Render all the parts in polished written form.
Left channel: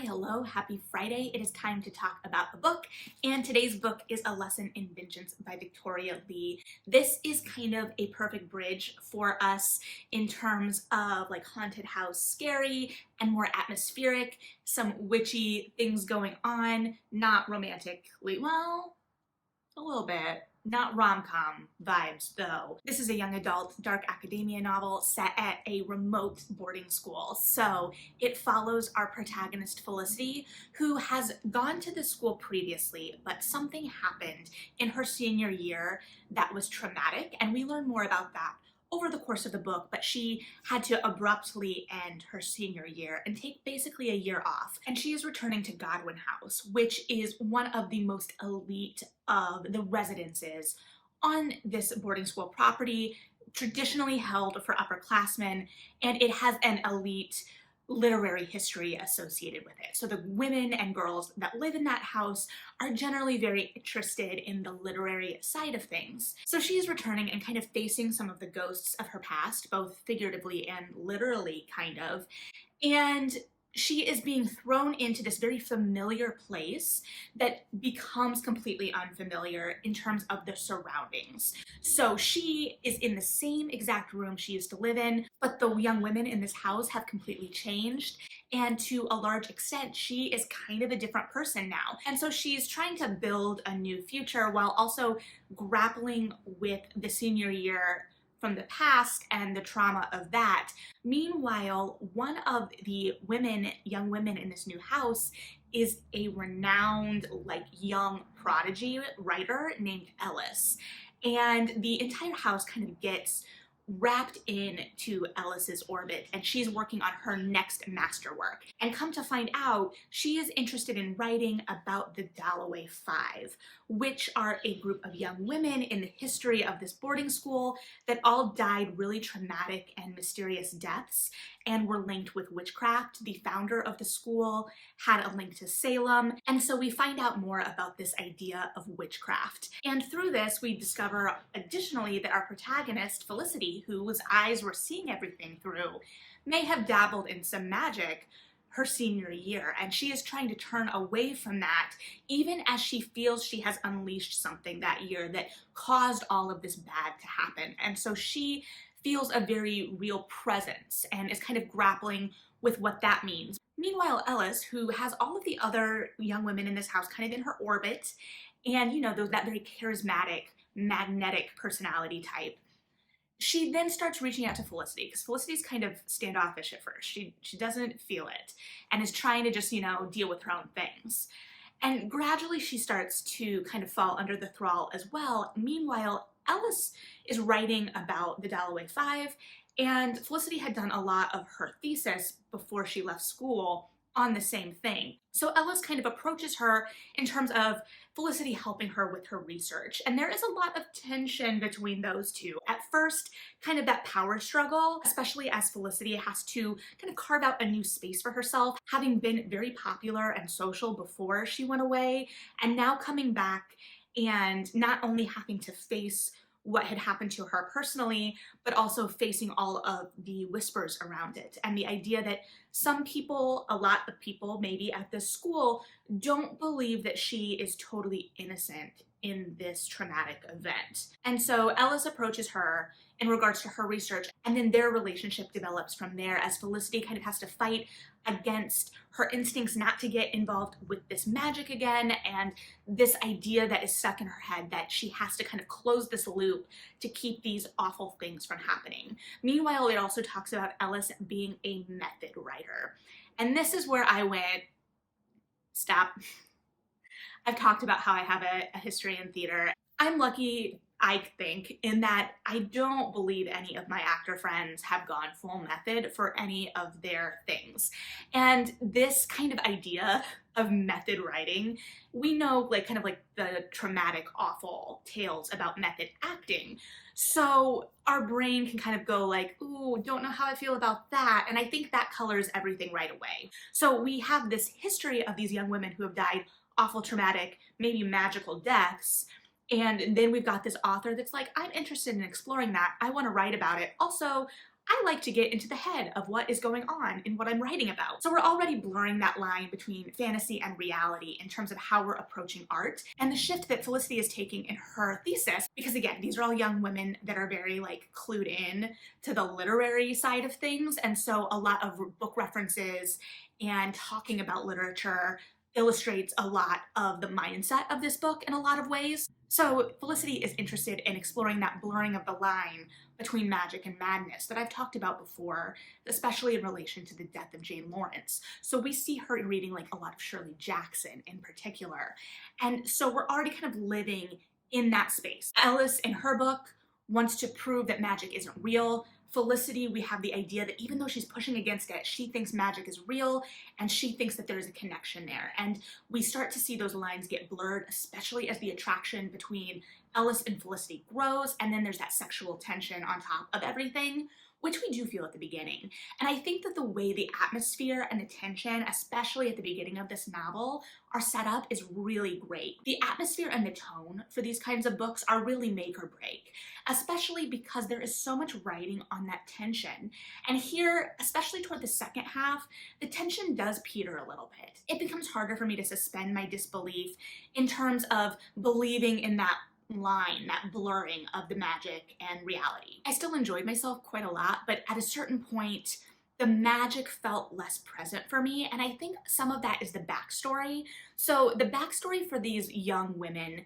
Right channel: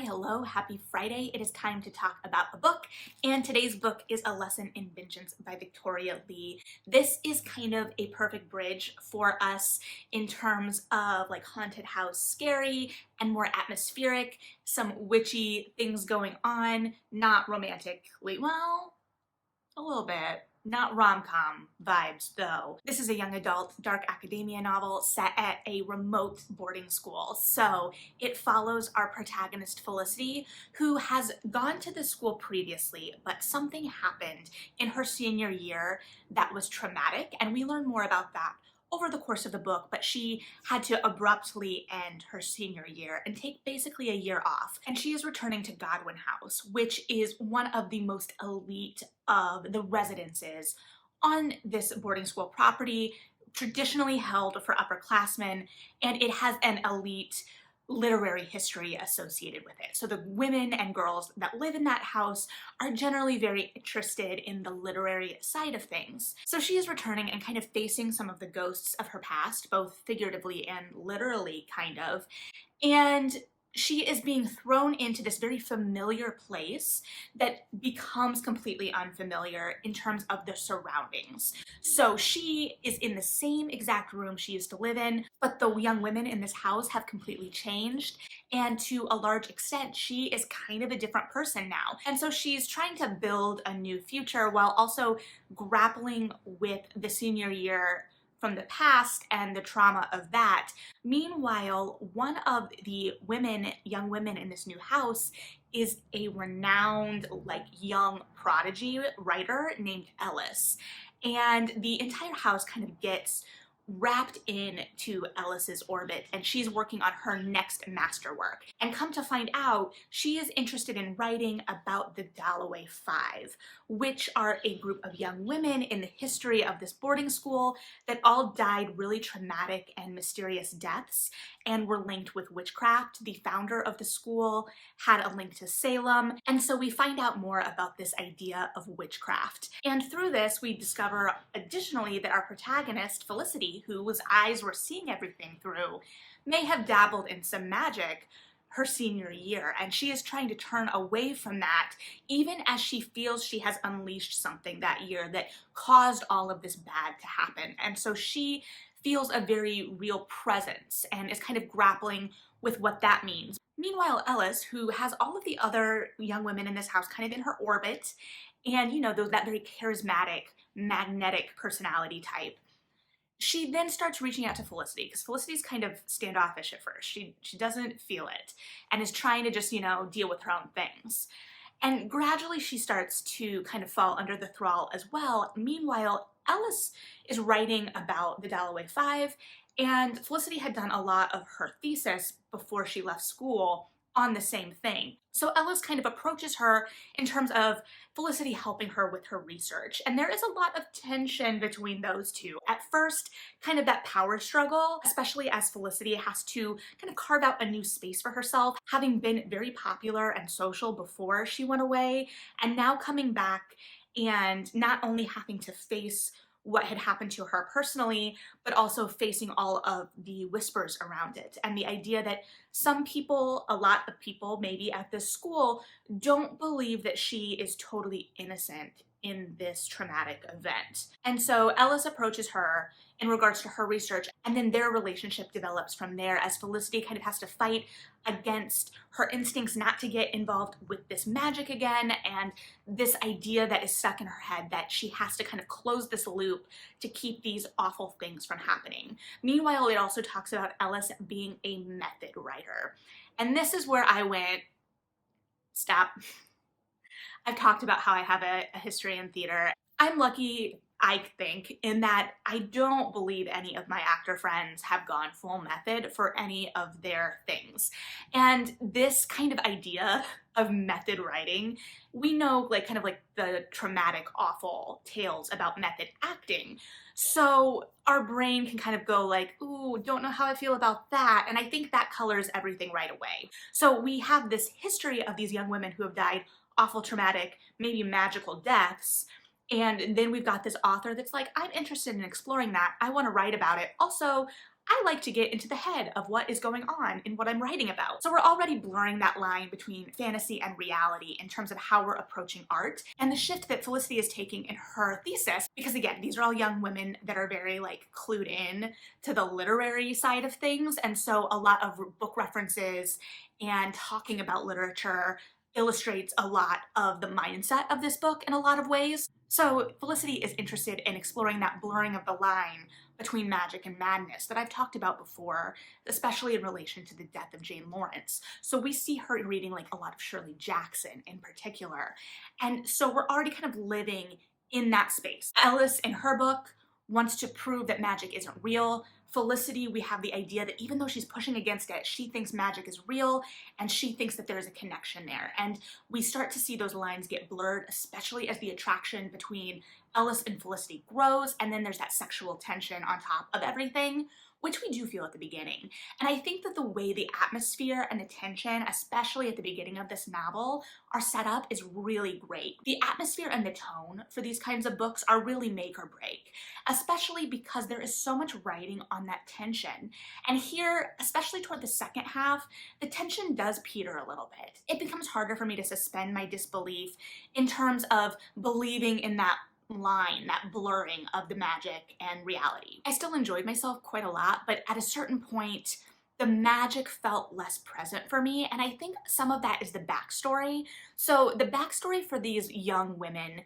Hi, hello, happy Friday. It is time to talk about a book, and today's book is A Lesson in Vengeance by Victoria Lee. This is kind of a perfect bridge for us in terms of like haunted house scary and more atmospheric, some witchy things going on, not romantically, well, a little bit. Not rom-com vibes, though. This is a young adult dark academia novel set at a remote boarding school. So it follows our protagonist Felicity, who has gone to the school previously, but something happened in her senior year that was traumatic, and we learn more about that over the course of the book, but she had to abruptly end her senior year and take basically a year off. And she is returning to Godwin House, which is one of the most elite of the residences on this boarding school property, traditionally held for upperclassmen, and it has an elite literary history associated with it. So the women and girls that live in that house are generally very interested in the literary side of things. So she is returning and kind of facing some of the ghosts of her past, both figuratively and literally, kind of. And she is being thrown into this very familiar place that becomes completely unfamiliar in terms of the surroundings. So she is in the same exact room she used to live in, but the young women in this house have completely changed. And to a large extent, she is kind of a different person now. And so she's trying to build a new future while also grappling with the senior year from the past and the trauma of that. Meanwhile, one of the young women in this new house is a renowned, like, young prodigy writer named Ellis. And the entire house kind of gets wrapped into Ellis's orbit, and she's working on her next masterwork. And come to find out, she is interested in writing about the Dalloway Five, which are a group of young women in the history of this boarding school that all died really traumatic and mysterious deaths and were linked with witchcraft. The founder of the school had a link to Salem, and so we find out more about this idea of witchcraft. And through this, we discover additionally that our protagonist, Felicity, whose eyes were seeing everything through, may have dabbled in some magic her senior year, and she is trying to turn away from that, even as she feels she has unleashed something that year that caused all of this bad to happen. And so she feels a very real presence and is kind of grappling with what that means. Meanwhile, Ellis, who has all of the other young women in this house kind of in her orbit, and that very charismatic, magnetic personality type, she then starts reaching out to Felicity, because Felicity's kind of standoffish at first. She doesn't feel it and is trying to just, deal with her own things. And gradually she starts to kind of fall under the thrall as well. Meanwhile, Ellis is writing about the Dalloway Five, and Felicity had done a lot of her thesis before she left school on the same thing. So Ellis kind of approaches her in terms of Felicity helping her with her research. And there is a lot of tension between those two. At first, kind of that power struggle, especially as Felicity has to kind of carve out a new space for herself, having been very popular and social before she went away, and now coming back and not only having to face what had happened to her personally, but also facing all of the whispers around it. And the idea that some people, a lot of people maybe at this school, don't believe that she is totally innocent in this traumatic event. And so Ellis approaches her in regards to her research, and then their relationship develops from there as Felicity kind of has to fight against her instincts not to get involved with this magic again, and this idea that is stuck in her head that she has to kind of close this loop to keep these awful things from happening. Meanwhile, it also talks about Ellis being a method writer. And this is where I went, stop. I've talked about how I have a history in theater. I'm lucky, I think, in that I don't believe any of my actor friends have gone full method for any of their things. And this kind of idea of method writing, we know kind of the traumatic, awful tales about method acting. So our brain can kind of go like, ooh, don't know how I feel about that. And I think that colors everything right away. So we have this history of these young women who have died awful, traumatic, maybe magical deaths. And then we've got this author that's like, I'm interested in exploring that. I want to write about it. Also, I like to get into the head of what is going on in what I'm writing about. So we're already blurring that line between fantasy and reality in terms of how we're approaching art, and the shift that Felicity is taking in her thesis, because again, these are all young women that are very like clued in to the literary side of things, and so a lot of book references and talking about literature illustrates a lot of the mindset of this book in a lot of ways. So Felicity is interested in exploring that blurring of the line between magic and madness that I've talked about before, especially in relation to the death of Jane Lawrence. So we see her reading like a lot of Shirley Jackson in particular. And so we're already kind of living in that space. Ellis, in her book, wants to prove that magic isn't real. Felicity, we have the idea that even though she's pushing against it, she thinks magic is real and she thinks that there's a connection there. And we start to see those lines get blurred, especially as the attraction between Ellis and Felicity grows, and then there's that sexual tension on top of everything, which we do feel at the beginning. And I think that the way the atmosphere and the tension, especially at the beginning of this novel, are set up is really great. The atmosphere and the tone for these kinds of books are really make or break, especially because there is so much writing on that tension. And here, especially toward the second half, the tension does peter a little bit. It becomes harder for me to suspend my disbelief in terms of believing in that line, that blurring of the magic and reality. I still enjoyed myself quite a lot, but at a certain point, the magic felt less present for me, and I think some of that is the backstory. So the backstory for these young women,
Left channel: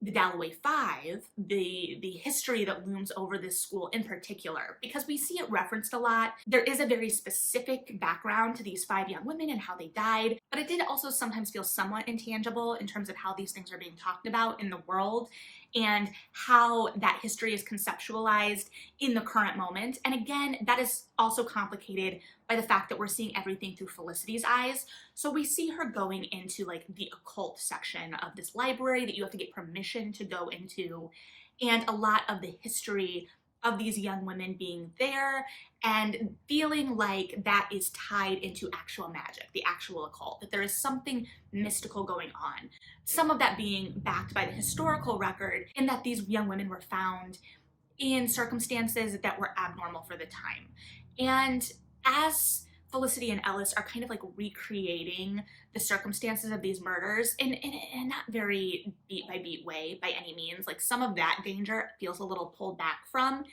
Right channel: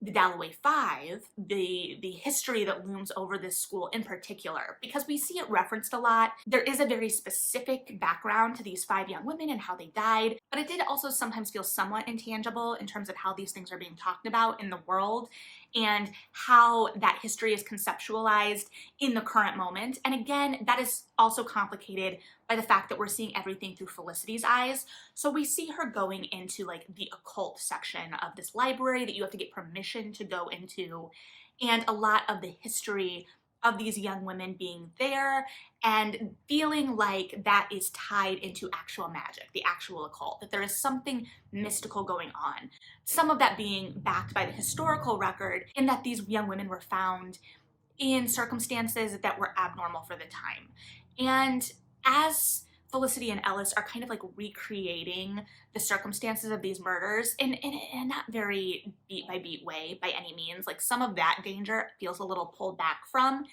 the Dalloway Five, the history that looms over this school in particular, because we see it referenced a lot. There is a very specific background to these 5 young women and how they died, but it did also sometimes feel somewhat intangible in terms of how these things are being talked about in the world and how that history is conceptualized in the current moment. And again, that is also complicated by the fact that we're seeing everything through Felicity's eyes. So we see her going into like the occult section of this library that you have to get permission to go into, and a lot of the history of these young women being there and feeling like that is tied into actual magic, the actual occult, that there is something mystical going on. Some of that being backed by the historical record in that these young women were found in circumstances that were abnormal for the time. And as Felicity and Ellis are kind of like recreating the circumstances of these murders in a not very beat by beat way by any means, like some of that danger feels a little pulled back from,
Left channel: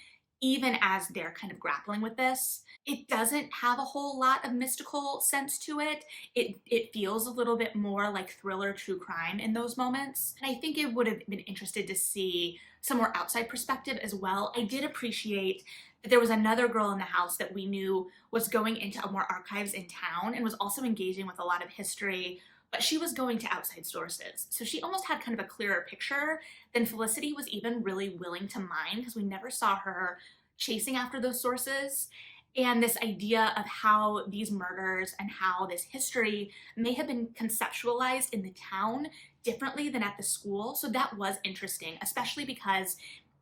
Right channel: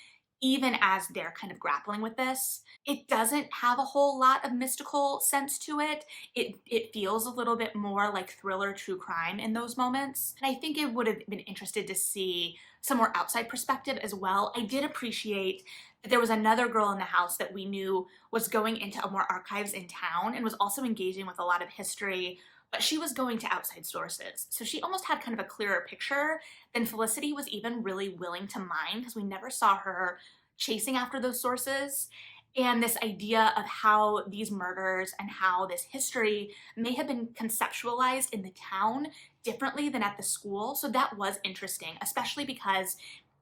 even as they're kind of grappling with this. It doesn't have a whole lot of mystical sense to it. It feels a little bit more like thriller true crime in those moments. And I think it would have been interested to see some more outside perspective as well. I did appreciate that there was another girl in the house that we knew was going into more archives in town and was also engaging with a lot of history, but she was going to outside sources. So she almost had kind of a clearer picture than Felicity was even really willing to mine, because we never saw her chasing after those sources. And this idea of how these murders and how this history may have been conceptualized in the town differently than at the school. So that was interesting, especially because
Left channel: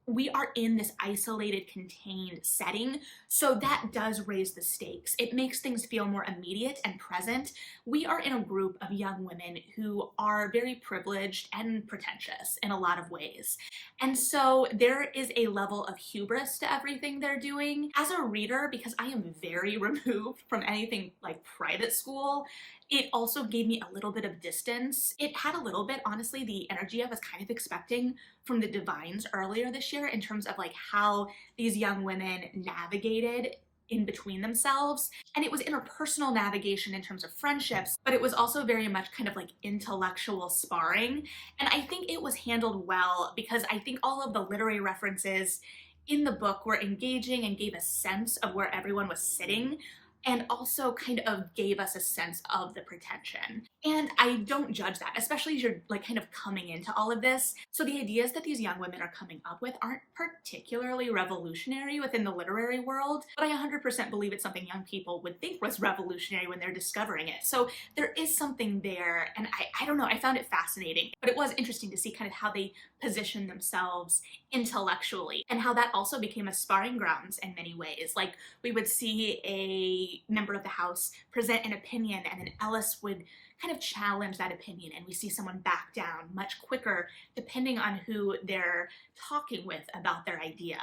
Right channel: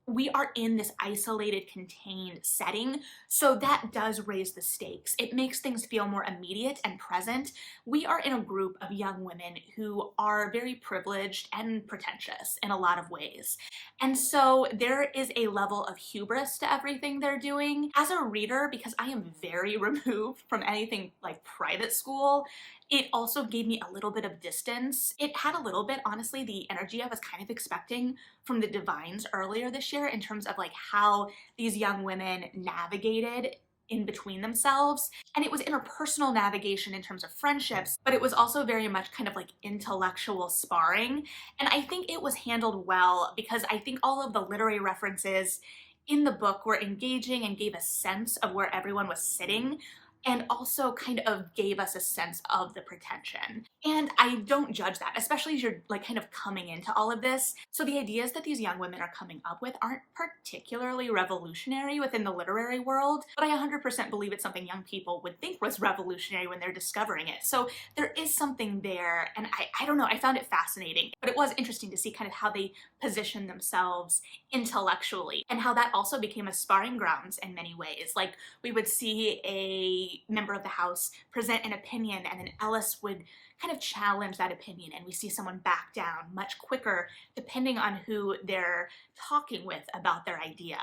we are in this isolated, contained setting. So that does raise the stakes. It makes things feel more immediate and present. We are in a group of young women who are very privileged and pretentious in a lot of ways. And so there is a level of hubris to everything they're doing. As a reader, because I am very removed from anything like private school, it also gave me a little bit of distance. It had a little bit, honestly, the energy I was kind of expecting from the Divines earlier this year in terms of like how these young women navigated in between themselves. And it was interpersonal navigation in terms of friendships, but it was also very much kind of like intellectual sparring. And I think it was handled well, because I think all of the literary references in the book were engaging and gave a sense of where everyone was sitting, and also kind of gave us a sense of the pretension. And I don't judge that, especially as you're like kind of coming into all of this. So the ideas that these young women are coming up with aren't particularly revolutionary within the literary world, but I 100% believe it's something young people would think was revolutionary when they're discovering it. So there is something there, and I don't know, I found it fascinating, but it was interesting to see kind of how they position themselves intellectually, and how that also became a sparring grounds in many ways. Like, we would see a member of the house present an opinion, and then Ellis would kind of challenge that opinion, and we see someone back down much quicker depending on who they're talking with about their idea.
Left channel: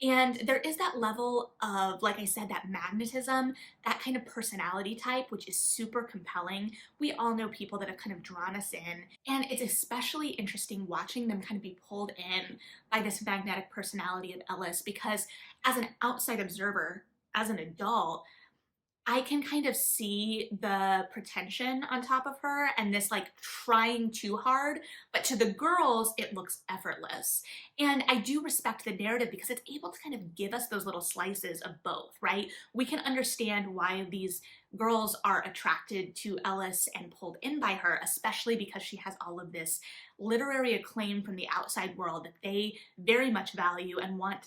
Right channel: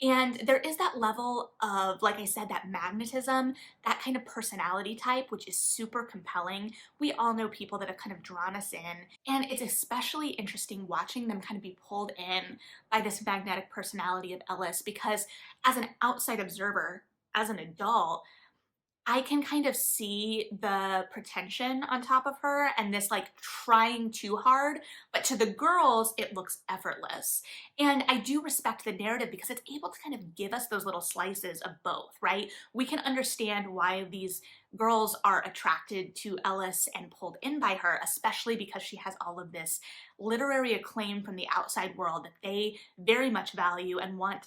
And there is that level of, like I said, that magnetism, that kind of personality type, which is super compelling. We all know people that have kind of drawn us in. And it's especially interesting watching them kind of be pulled in by this magnetic personality of Ellis, because as an outside observer, as an adult, I can kind of see the pretension on top of her and this like trying too hard, but to the girls, it looks effortless. And I do respect the narrative because it's able to kind of give us those little slices of both, right? We can understand why these girls are attracted to Ellis and pulled in by her, especially because she has all of this literary acclaim from the outside world that they very much value and want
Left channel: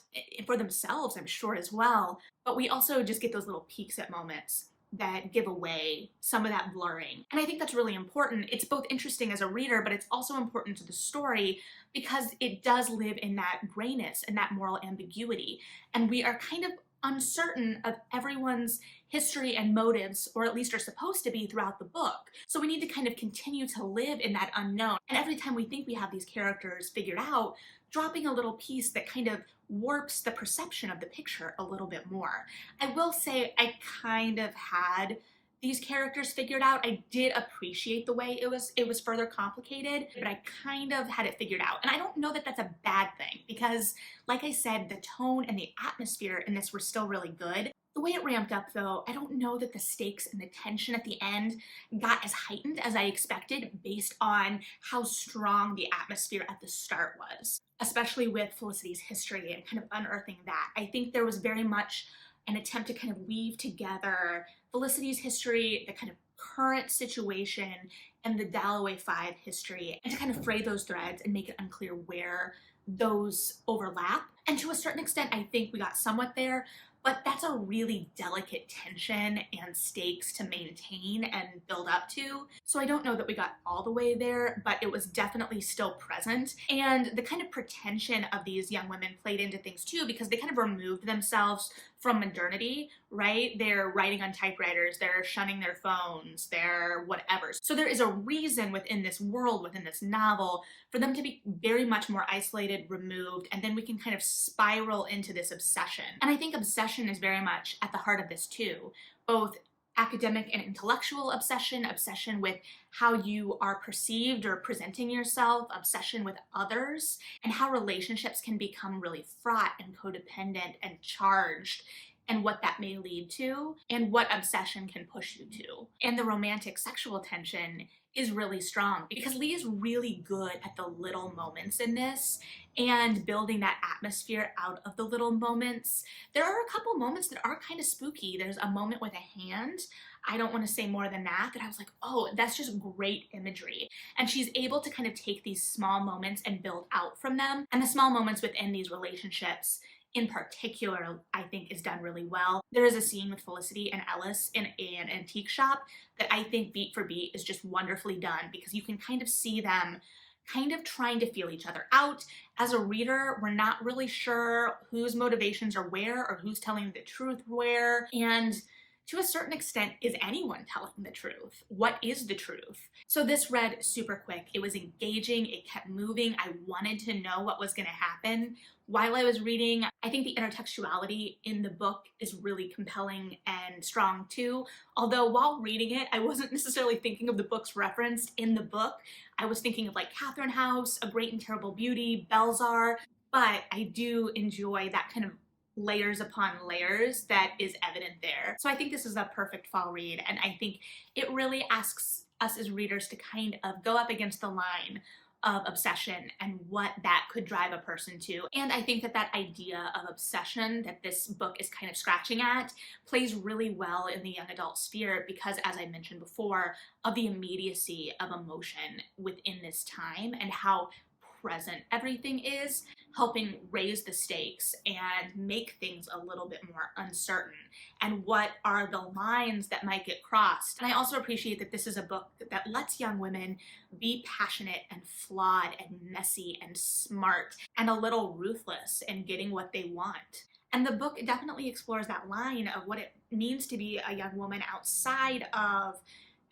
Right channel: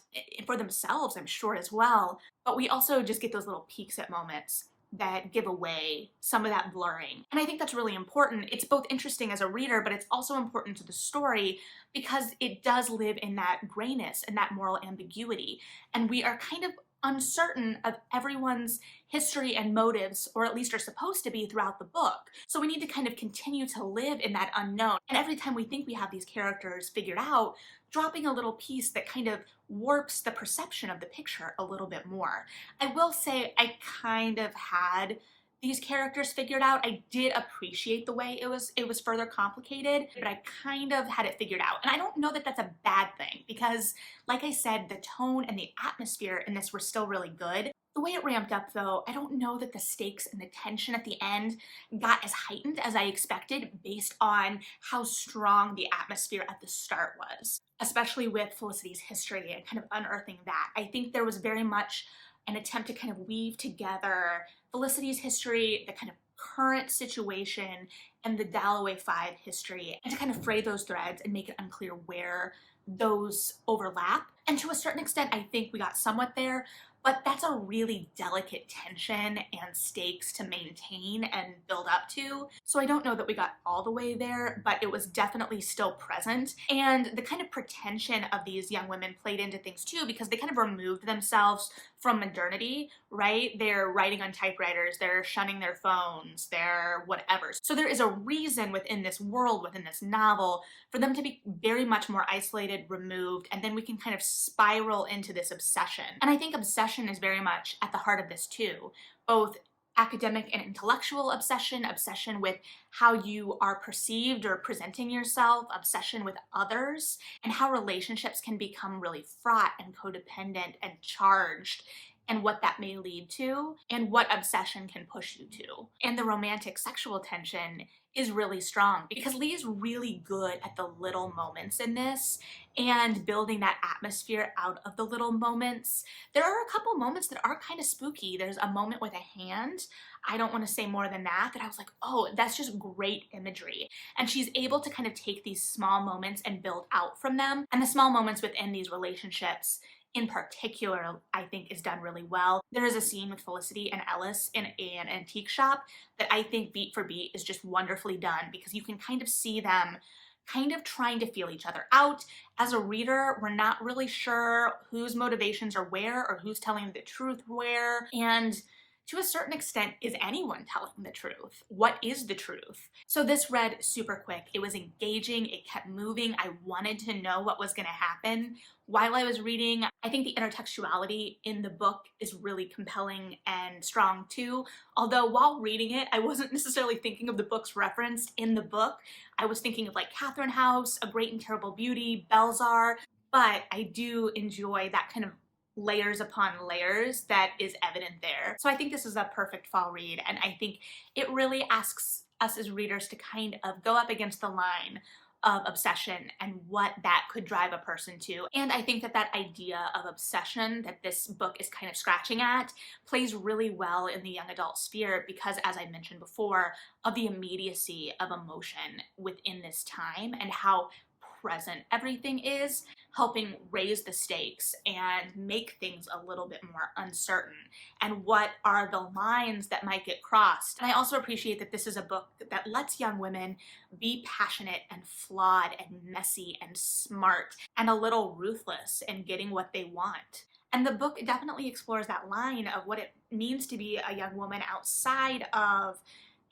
for themselves, I'm sure, as well. But we also just get those little peeks at moments that give away some of that blurring. And I think that's really important. It's both interesting as a reader, but it's also important to the story because it does live in that grayness and that moral ambiguity. And we are kind of uncertain of everyone's history and motives, or at least are supposed to be throughout the book. So we need to kind of continue to live in that unknown. And every time we think we have these characters figured out, dropping a little piece that kind of warps the perception of the picture a little bit more. I will say I kind of had these characters figured out. I did appreciate the way it was further complicated, but I kind of had it figured out. And I don't know that that's a bad thing because, like I said, the tone and the atmosphere in this were still really good. The way it ramped up, though, I don't know that the stakes and the tension at the end got as heightened as I expected based on how strong the atmosphere at the start was, especially with Felicity's history and kind of unearthing that. I think there was very much an attempt to kind of weave together Felicity's history, the kind of current situation, and the Dalloway Five history, and to kind of fray those threads and make it unclear where those overlap. And to a certain extent, I think we got somewhat there, but that's a really delicate tension and stakes to maintain and build up to. So I don't know that we got all the way there, but it was definitely still present. And the kind of pretension of these young women played into things too, because they kind of removed themselves from modernity, right? They're writing on typewriters, they're shunning their phones, they're whatever. So there is a reason within this world, within this novel, for them to be very much more isolated, removed, and then we can kind of spiral into this obsession. And I think obsession is very much at the heart of this too, both academic and intellectual obsession, obsession with how you are perceived or presenting yourself, obsession with others, and how relationships can become really fraught and codependent and charged, and what that may lead to, and what obsession can push you to. And the romantic sexual tension is really strong because Lee is really good at the little moments in this and building that atmosphere out of the little moments. There are a couple moments that are kind of spooky. There's a moment with a hand. I don't want to say more than that I was like, oh, that's just great imagery. And she's able to kind of take these small moments and build out from them. And the small moments within these relationships in particular, I think is done really well. There is a scene with Felicity and Ellis in an antique shop that I think beat for beat is just wonderfully done because you can kind of see them kind of trying to feel each other out. As a reader, we're not really sure whose motivations are where or who's telling the truth where. And to a certain extent, is anyone telling the truth? What is the truth? So this read super quick. It was engaging. It kept moving. I wanted to know what was going to happen while I was reading. I think the intertextuality in the book is really compelling and strong too. Although while reading it, I wasn't necessarily thinking of the books referenced in the book. I was thinking of like Catherine House, A Great and Terrible Beauty, Belzar, but I do enjoy that kind of layers upon layers that is evident there. So I think this is a perfect fall read, and I think it really asks us as readers to kind of go up against the line of obsession and what that could drive a person to. And I think that that idea of obsession that this book is kind of scratching at plays really well in the young adult sphere because, as I mentioned before, of the immediacy of emotion within this time and how present everything is, helping raise the stakes and make things a little bit more uncertain. And what are the lines that might get crossed? And I also appreciate that this is a book that lets young women be passionate and flawed and messy and smart and a little ruthless in getting what they want. And the book definitely explores that line of what it means to be a young woman outside of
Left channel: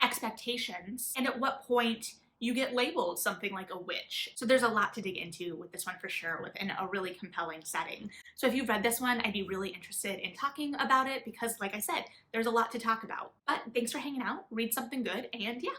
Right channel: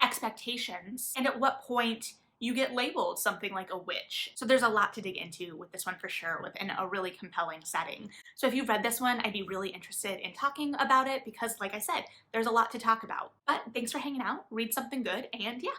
expectations and at what point you get labeled something like a witch. So there's a lot to dig into with this one for sure, within a really compelling setting. So if you've read this one, I'd be really interested in talking about it because, like I said, there's a lot to talk about. But thanks for hanging out, read something good, and yeah,